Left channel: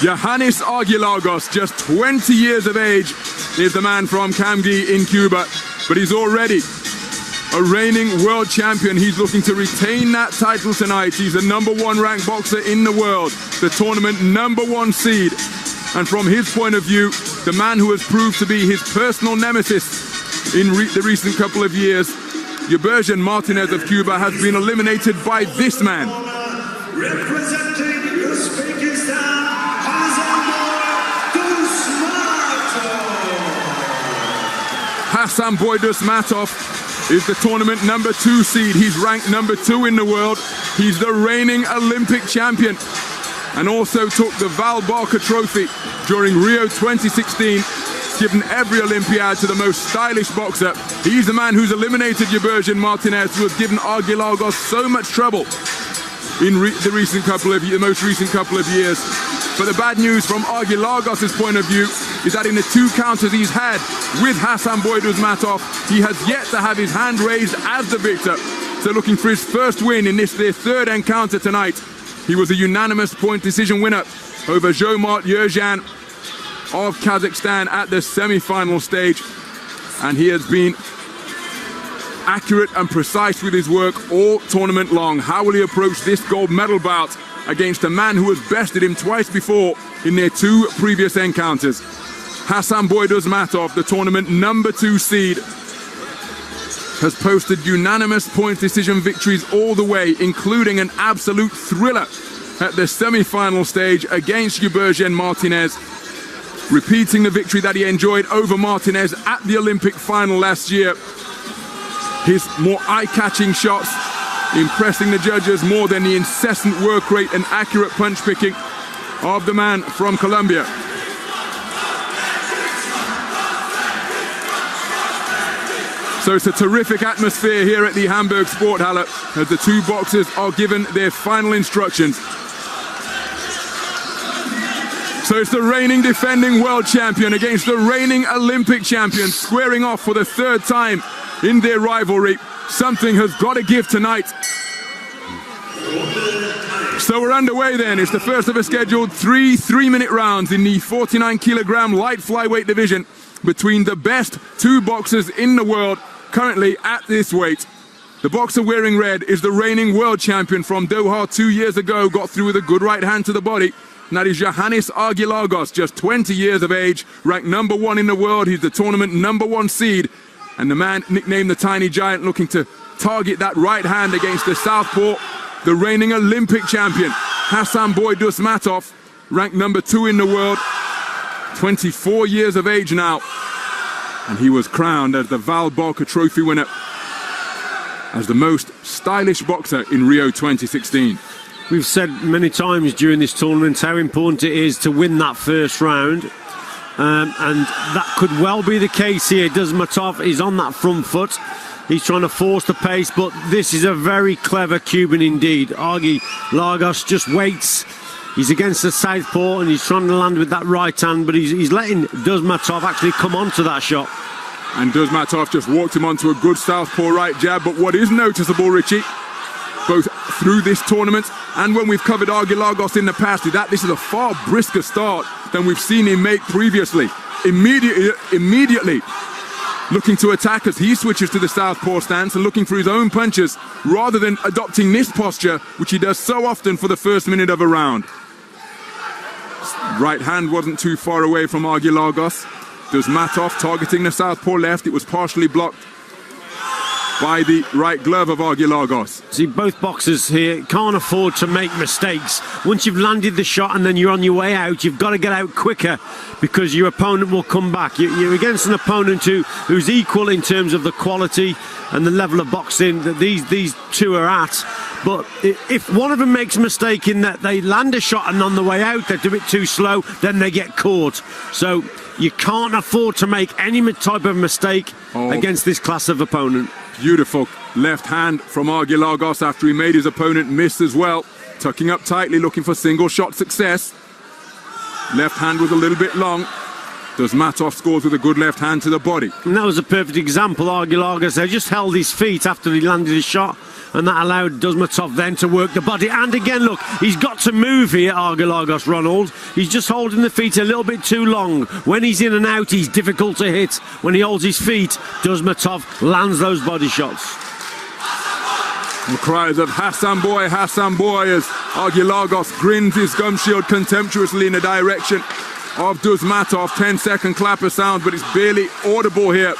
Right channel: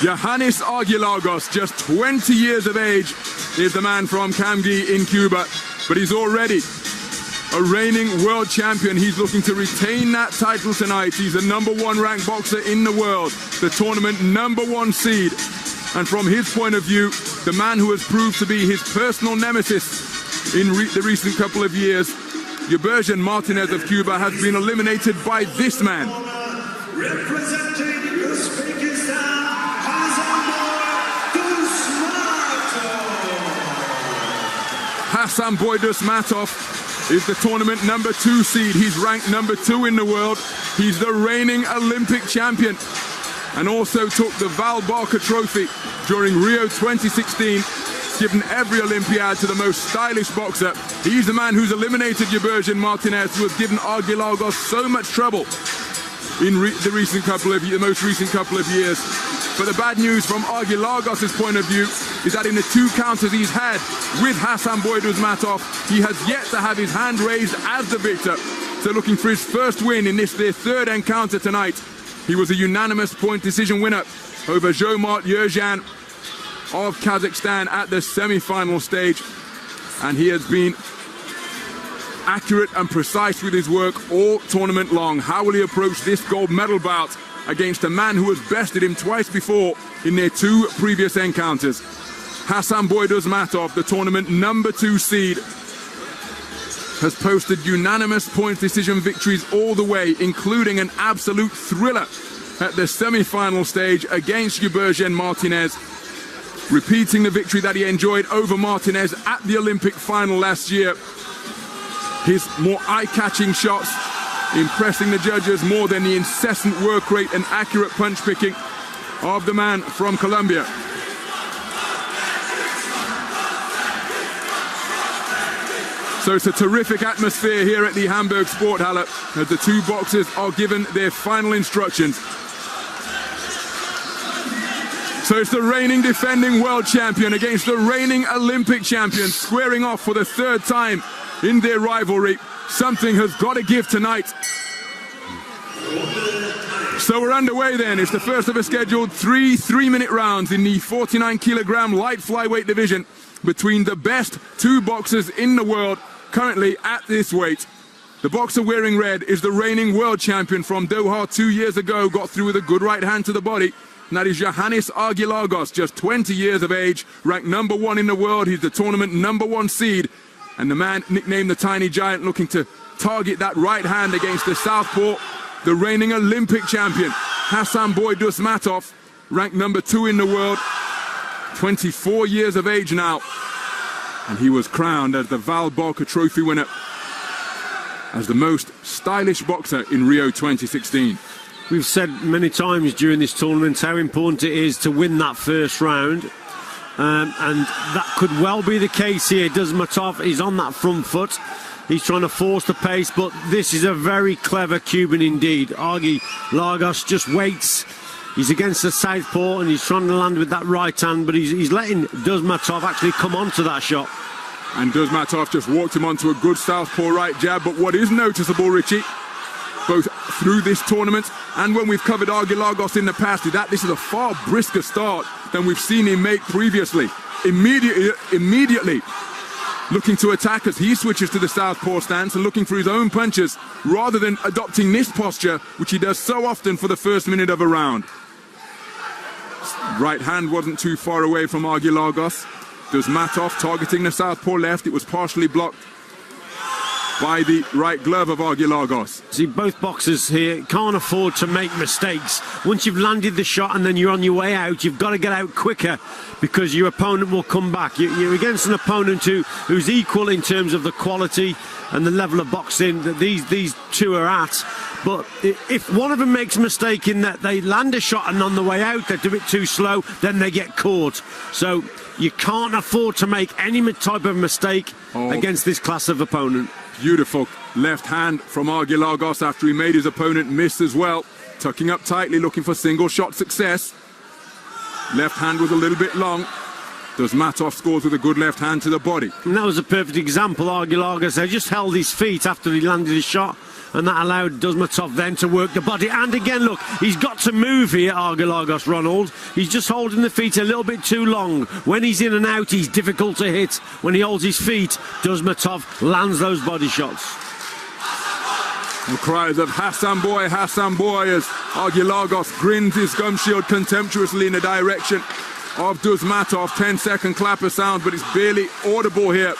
Joahnys Archilagos, just 20 years of age, is the man from Camgi in Cuba, but he's already a reigning world champion. He's looking to retain that title tonight. He's the #1 ranked boxer in the world, the tournament #1 seed. And from his point of view, the man who has proved to be his personal nemesis in the recent couple of years, Yurbergen Martinez of Cuba, has been eliminated by this man. Representing Uzbekistan, Hasanboy Dusmatov is the tournament #2 seed. He's ranked #2 in the world. He's the reigning Olympic champion and also took the Val Barker Trophy during Rio 2016, given every Olympiad to the most stylish boxer. He's the man who's eliminated Yurbergen Martinez, who has given Archilagos so much trouble in the most recent couple of years. But the bad news from Archilagos' point of view is that in the 2 counters he's had with Hasanboy Dusmatov, he has yet to have his hand raised as the victor. So looking for his first win in this, their 3rd encounter tonight. He was a unanimous point decision winner over Jomart Yerjan of Kazakhstan at the semi-final stage. And he has been accurate and precise with his work all tournament long. How will he approach this gold medal bout against a man who has bested him twice before in their 2 previous encounters? Hasanboy Dusmatov, the tournament #2 seed, has posted unanimous point decision victories all the way, including an absolute thriller at the semi-final stage against Yurbergen Martinez, repeating the victory that he enjoyed over Martinez at the Olympic final last year. His more eye-catching shots impressing the judges more than the incessant work rate and accurate punch picking of the man from Colombia. So it's a terrific atmosphere here at the Hamburg Sporthalle as the 2 boxers are given their final instructions. So it's the reigning defending world champion against the reigning Olympic champion, squaring off for the 3rd time in their rivalry. Something has got to give tonight. So we're underway then. It's the first of a scheduled 3 3-minute rounds in the 49-kilogram light flyweight division between the best 2 boxers in the world currently at this weight. The boxer wearing red is the reigning world champion from Doha 2 years ago, got through with a good right hand to the body. And that is Joahnys Archilagos, just 20 years of age, ranked #1 in the world. He's the tournament #1 seed. And the man nicknamed the Tiny Giant, looking to target that right hand against the southpaw, the reigning Olympic champion, Hasanboy Dusmatov, ranked #2 in the world, 24 years of age now. And he was crowned as the Val Barker Trophy winner, as the most stylish boxer in Rio 2016. We've said many times during this tournament how important it is to win that first round. And that could well be the case here. Dusmatov is on that front foot. He's trying to force the pace, but this is a very clever Cuban indeed. Archilagos just waits. He's against the southpaw and he's trying to land with that right hand, but he's letting Dusmatov actually come onto that shot. And Dusmatov just walked him onto a good southpaw right jab. But what is noticeable, Richie, both through this tournament and when we've covered Archilagos in the past, is that this is a far brisker start than we've seen him make previously. Immediately looking to attack as he switches to the southpaw stance and looking for his own punches rather than adopting this posture, which he does so often for the first minute of a round. Right hand wasn't too far away from Archilagos. Dusmatov targeting the southpaw left. It was partially blocked by the right glove of Archilagos. See, both boxers here can't afford to make mistakes. Once you've landed the shot and then you're on your way out, you've got to get out quicker because your opponent will come back. You're against an opponent who's equal in terms of the quality and the level of boxing that these 2 are at. But if one of them makes a mistake in that they land a shot and on the way out they do it too slow, then they get caught. So you can't afford to make any type of mistake against this class of opponent. Beautiful left hand from Archilagos after he made his opponent miss as well. Tucking up tightly, looking for single shot success. Left hand was a little bit long. Dusmatov scores with a good left hand to the body. And that was a perfect example. Archilagos, they just held his feet after he landed his shot. and that allowed Dusmatov then to work the body. And again, look, he's got to move here, Archilagos, Ronald. He's just holding the feet a little bit too long. When he's in and out, he's difficult to hit. When he holds his feet, Dusmatov lands those body shots. The cries of Hasanboy, Hasanboy, as Archilagos grins his gum shield contemptuously in the direction of Dusmatov. 10-second clapper sound, but it's barely audible here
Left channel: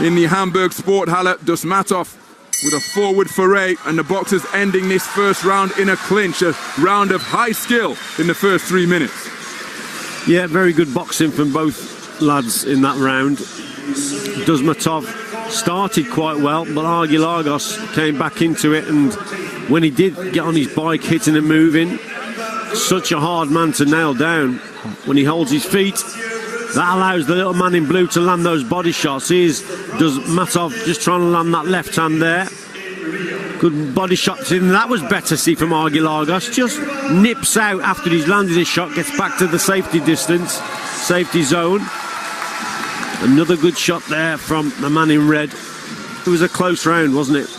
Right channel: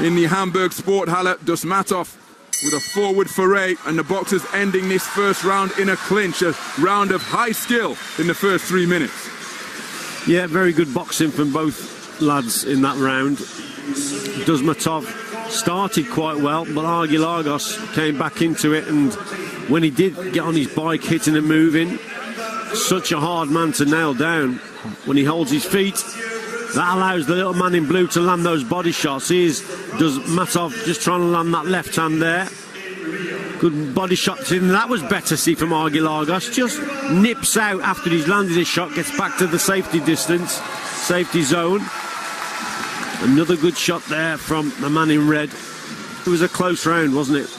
in the Hamburg Sporthalle. Dusmatov with a forward foray, and the boxers ending this first round in a clinch, a round of high skill in the first 3 minutes. Yeah, very good boxing from both lads in that round. Dusmatov started quite well, but Archilagos came back into it, and when he did get on his bike, hitting and moving, such a hard man to nail down. When he holds his feet, that allows the little man in blue to land those body shots. Here's Dusmatov just trying to land that left hand there. Good body shots in. That was better, see, from Archilagos. Just nips out after he's landed his shot, gets back to the safety distance, safety zone. Another good shot there from the man in red. It was a close round, wasn't it?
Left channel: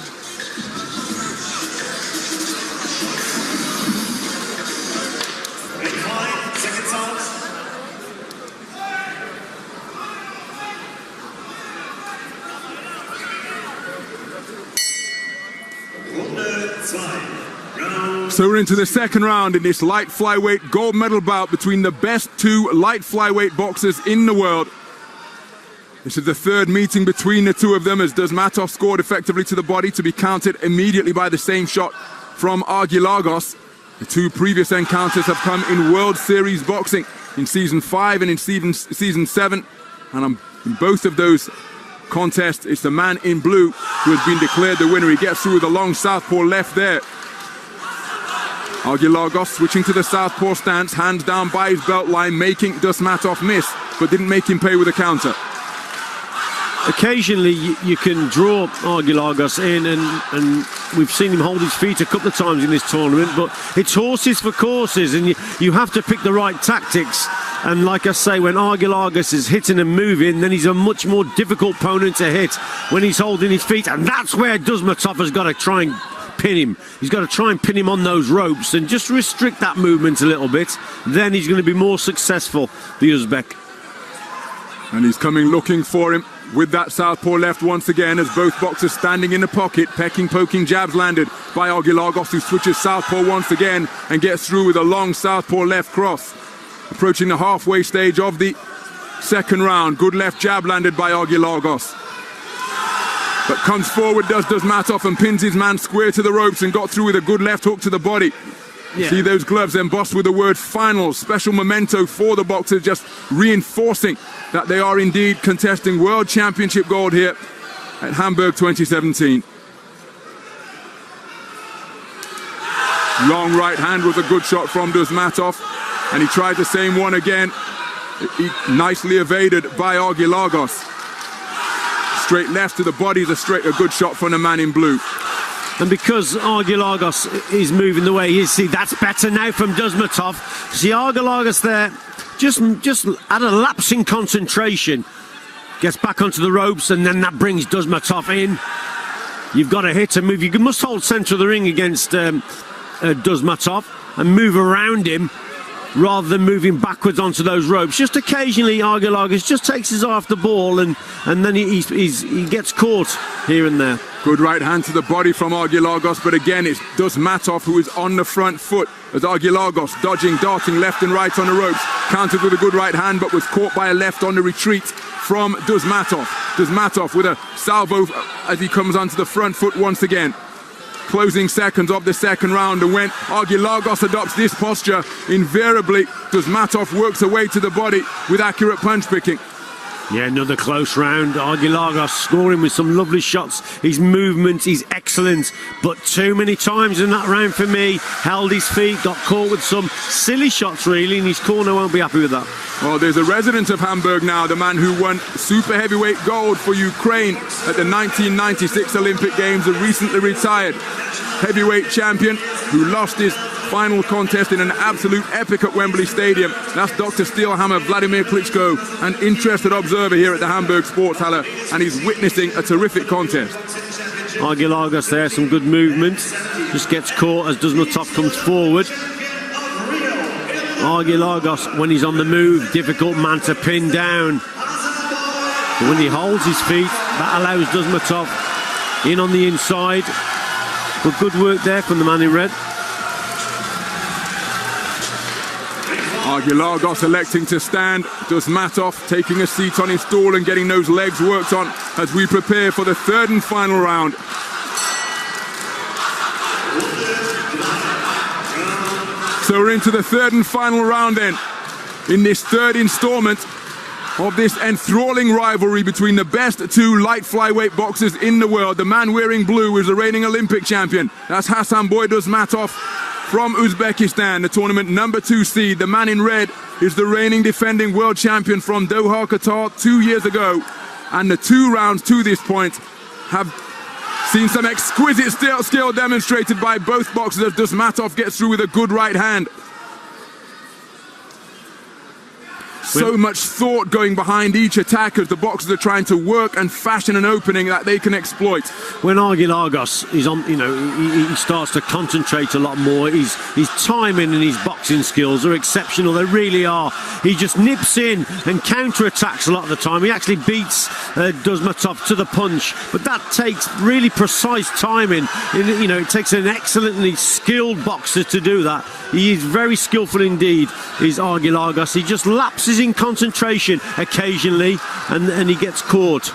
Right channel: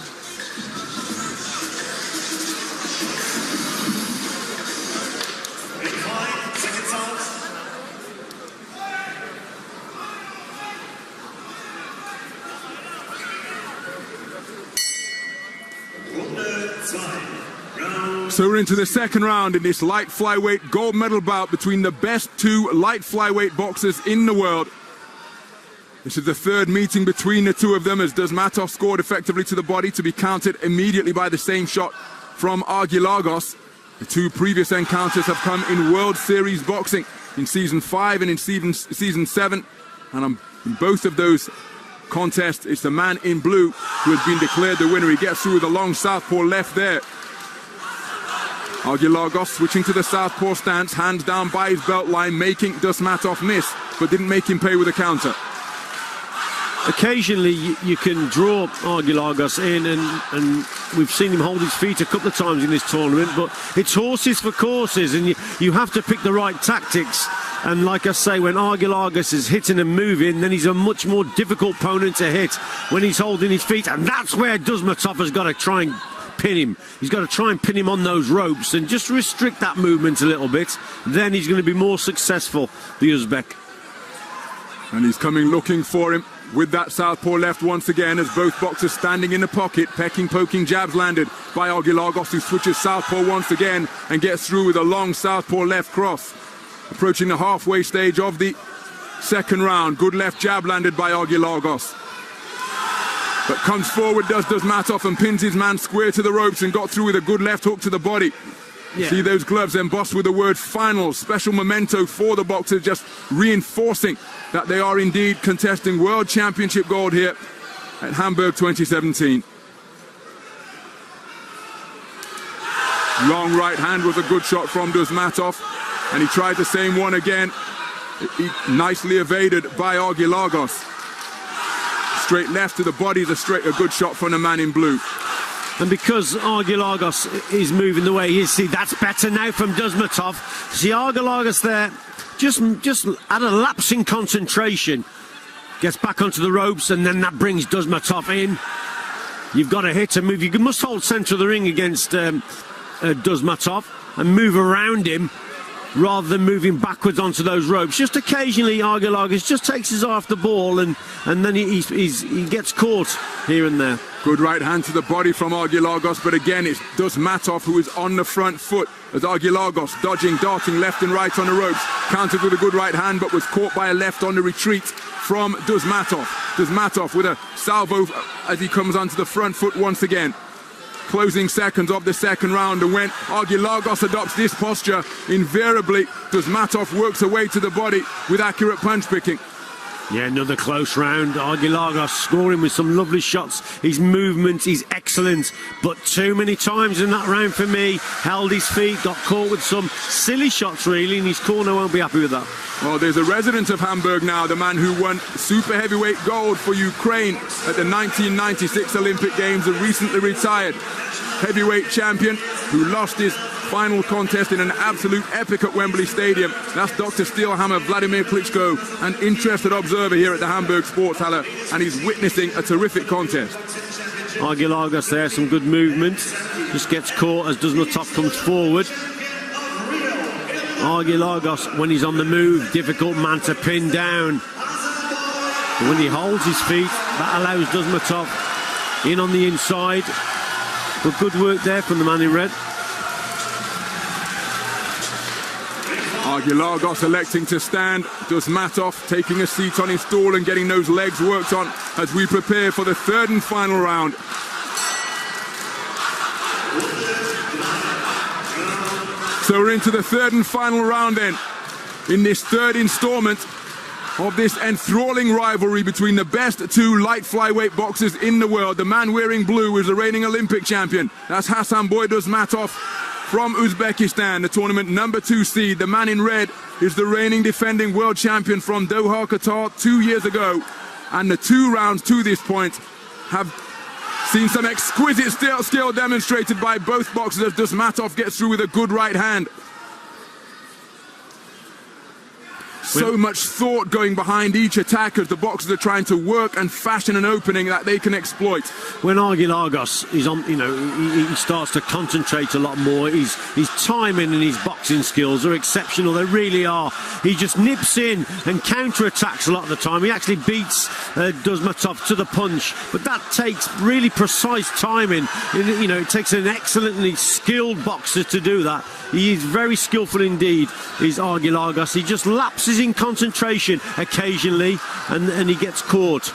So we're into the second round in this light flyweight gold medal bout between the best two light flyweight boxers in the world. This is the third meeting between the two of them, as Dusmatov scored effectively to the body to be countered immediately by the same shot from Archilagos. The two previous encounters have come in World Series boxing in Season 5 and in Season 7. And in both of those contests, it's the man in blue who has been declared the winner. He gets through with a long southpaw left there. Archilagos switching to the southpaw stance, hands down by his belt line, making Dusmatov miss, but didn't make him pay with a counter. Occasionally you can draw Archilagos in, and we've seen him hold his feet a couple of times in this tournament, but it's horses for courses, and you have to pick the right tactics. And like I say, when Archilagos is hitting and moving, then he's a much more difficult opponent to hit when he's holding his feet, and that's where Dusmatov has got to try and pin him. He's got to try and pin him on those ropes and just restrict that movement a little bit. Then he's going to be more successful, the Uzbek. And he's coming looking for him with that southpaw left once again, as both boxers standing in the pocket, pecking, poking jabs landed by Archilagos, who switches southpaw once again and gets through with a long southpaw left cross. Approaching the halfway stage of the second round. Good left jab landed by Archilagos. But comes forward, does Dusmatov, and pins his man square to the ropes and got through with a good left hook to the body. Yeah. See those gloves embossed with the word final, special memento for the boxers, just reinforcing that they are indeed contesting World Championship gold here at Hamburg 2017. Long right hand was a good shot from Dusmatov, and he tried the same one again. He nicely evaded by Archilagos. Straight left to the body is a good shot from the man in blue. And because Archilagos is moving the way he is, see, that's better now from Dusmatov. See, Archilagos there, just at a lapse in concentration, gets back onto the ropes, and then that brings Dusmatov in. You've got to hit and move. You must hold centre of the ring against Dusmatov and move around him rather than moving backwards onto those ropes. Just occasionally Archilagos just takes his eye off the ball, and then he gets caught here and there. Good right hand to the body from Archilagos, but again it's Dusmatov who is on the front foot, as Archilagos dodging, darting left and right on the ropes. Countered with a good right hand, but was caught by a left on the retreat from Dusmatov. Dusmatov with a salvo as he comes onto the front foot once again. Closing seconds of the second round, and when Archilagos adopts this posture, invariably Dusmatov works away to the body with accurate punch picking. Yeah, another close round. Archilagos scoring with some lovely shots. His movement is excellent, but too many times in that round for me. Held his feet, got caught with some silly shots really, and his corner won't be happy with that. Well, there's a resident of Hamburg now, the man who won super heavyweight gold for Ukraine at the 1996 Olympic Games, a recently retired heavyweight champion who lost his final contest in an absolute epic at Wembley Stadium. That's Dr. Steelhammer Vladimir Klitschko, an interested observer here at the Hamburg Sporthalle, and he's witnessing a terrific contest. Archilagos there, some good movement. Just gets caught as Dusmatov comes forward. Archilagos, when he's on the move, difficult man to pin down. But when he holds his feet, that allows Dusmatov in on the inside. But good work there from the man in red. Archilagos electing to stand. Dusmatov taking a seat on his stool and getting those legs worked on as we prepare for the third and final round. So we're into the third and final round then, in this third installment of this enthralling rivalry between the best two light flyweight boxers in the world. The man wearing blue is the reigning Olympic champion. That's Hasanboy Dusmatov from Uzbekistan, the tournament number 2 seed. The man in red is the reigning defending world champion from Doha, Qatar 2 years ago. And the 2 rounds to this point have seen some exquisite skill demonstrated by both boxers as Dusmatov gets through with a good right hand. So much thought going behind each attack as the boxers are trying to work and fashion an opening that they can exploit. When Archilagos is on, he starts to concentrate a lot more. His timing and his boxing skills are exceptional. They really are. He just nips in and counter-attacks a lot of the time. He actually beats Dusmatov to the punch, but that takes really precise timing. It takes an excellently skilled boxer to do that. He is very skillful indeed, is Archilagos. He just lapses in concentration occasionally, and he gets caught.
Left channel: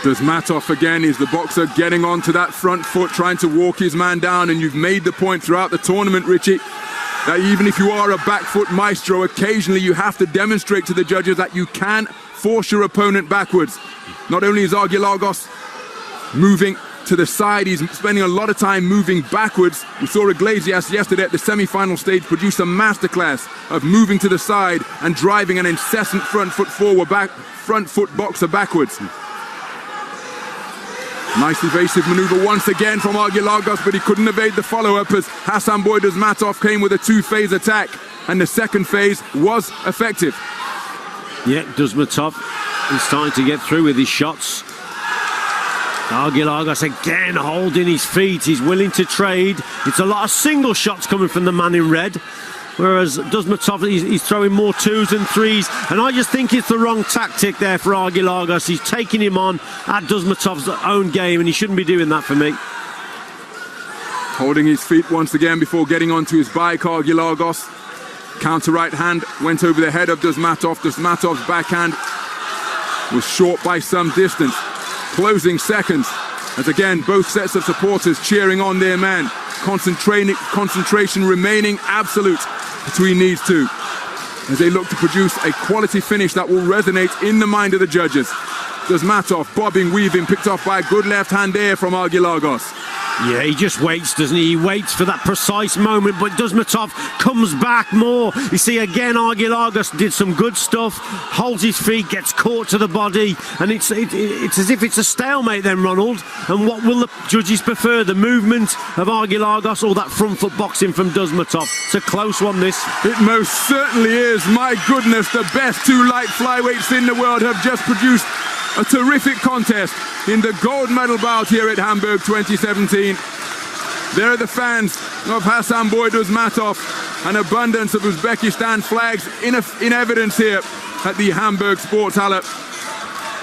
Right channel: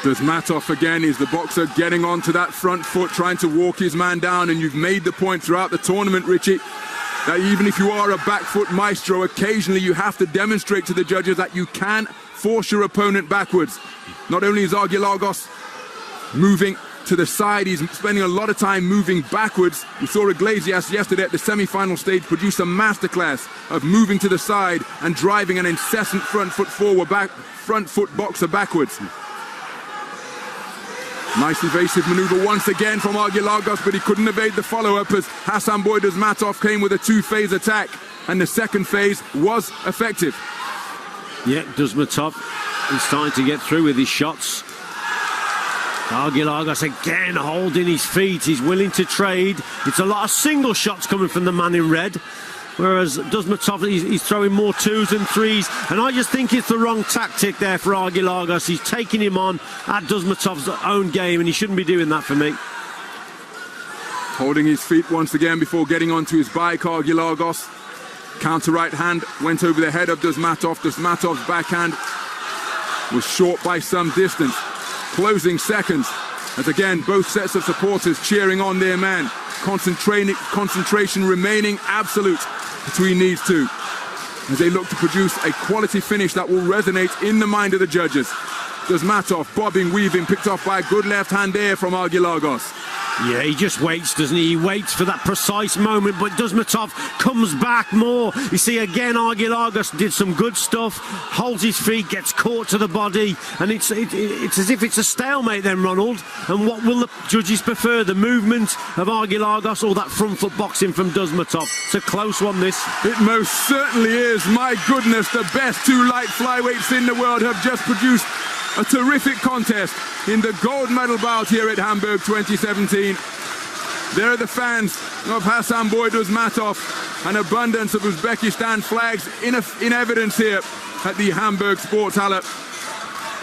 Dusmatov again is the boxer getting onto that front foot, trying to walk his man down, and you've made the point throughout the tournament, Richie, that even if you are a back foot maestro, occasionally you have to demonstrate to the judges that you can force your opponent backwards. Not only is Archilagos moving to the side, he's spending a lot of time moving backwards. We saw Iglesias yesterday at the semi-final stage produce a masterclass of moving to the side and driving an incessant front foot boxer backwards. Nice evasive maneuver once again from Archilagos, but he couldn't evade the follow-up as Hasanboy Dusmatov came with a 2-phase attack, and the second phase was effective. Yeah, Dusmatov is starting to get through with his shots. Archilagos again holding his feet. He's willing to trade. It's a lot of single shots coming from the man in red, whereas Dusmatov, he's throwing more 2s and 3s, and I just think it's the wrong tactic there for Archilagos. He's taking him on at Dusmatov's own game, and he shouldn't be doing that for me. Holding his feet once again before getting onto his bike, Archilagos. Counter right hand went over the head of Dusmatov. Dusmatov's backhand was short by some distance. Closing seconds as again both sets of supporters cheering on their man. Concentration remaining absolute between these two as they look to produce a quality finish that will resonate in the mind of the judges. Dusmatov bobbing, weaving, picked off by a good left hand there from Archilagos. Yeah, he just waits, doesn't he? He waits for that precise moment, but Dusmatov comes back more. You see, again, Archilagos did some good stuff, holds his feet, gets caught to the body, and it's as if it's a stalemate then, Ronald. And what will the judges prefer, the movement of Archilagos or that front foot boxing from Dusmatov? It's a close one, this. It most certainly is. My goodness, the best two light flyweights in the world have just produced a terrific contest in the gold medal bout here at Hamburg 2017. There are the fans of Hasanboy Dusmatov, an abundance of Uzbekistan flags in evidence here at the Hamburg Sporthalle.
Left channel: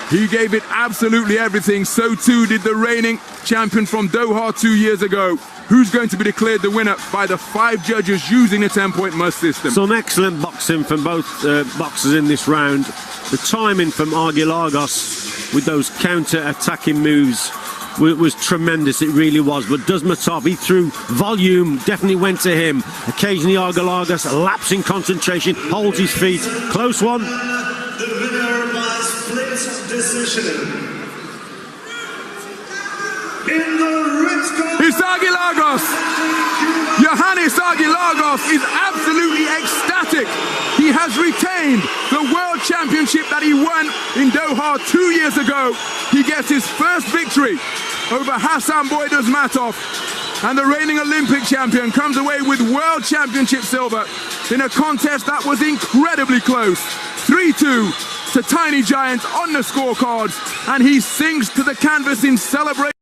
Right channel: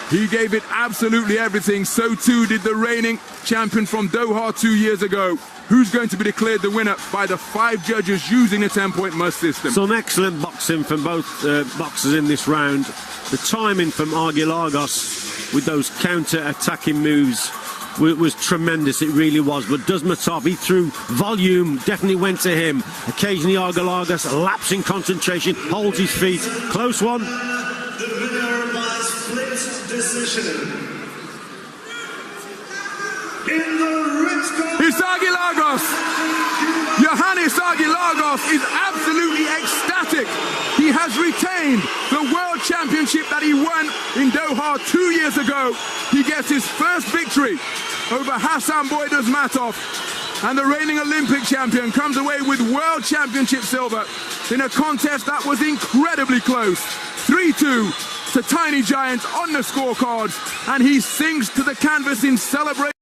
He gave it absolutely everything. So too did the reigning champion from Doha 2 years ago, who's going to be declared the winner by the 5 judges using a 10-point must system. Some excellent boxing from both boxers in this round. The timing from Archilagos with those counter-attacking moves was tremendous. It really was. But Dusmatov, he threw volume, definitely went to him. Occasionally Archilagos lapsing concentration, holds his feet. Close one. The winner by split decision. In the red corner, it's Archilagos. Joahnys Archilagos is absolutely ecstatic. He has retained the world championship that he won in Doha 2 years ago. He gets his first victory over Hasanboy Dusmatov, and the reigning Olympic champion comes away with world championship silver in a contest that was incredibly close. 3-2 to Tiny Giant on the scorecards, and he sings to the canvas in celebration.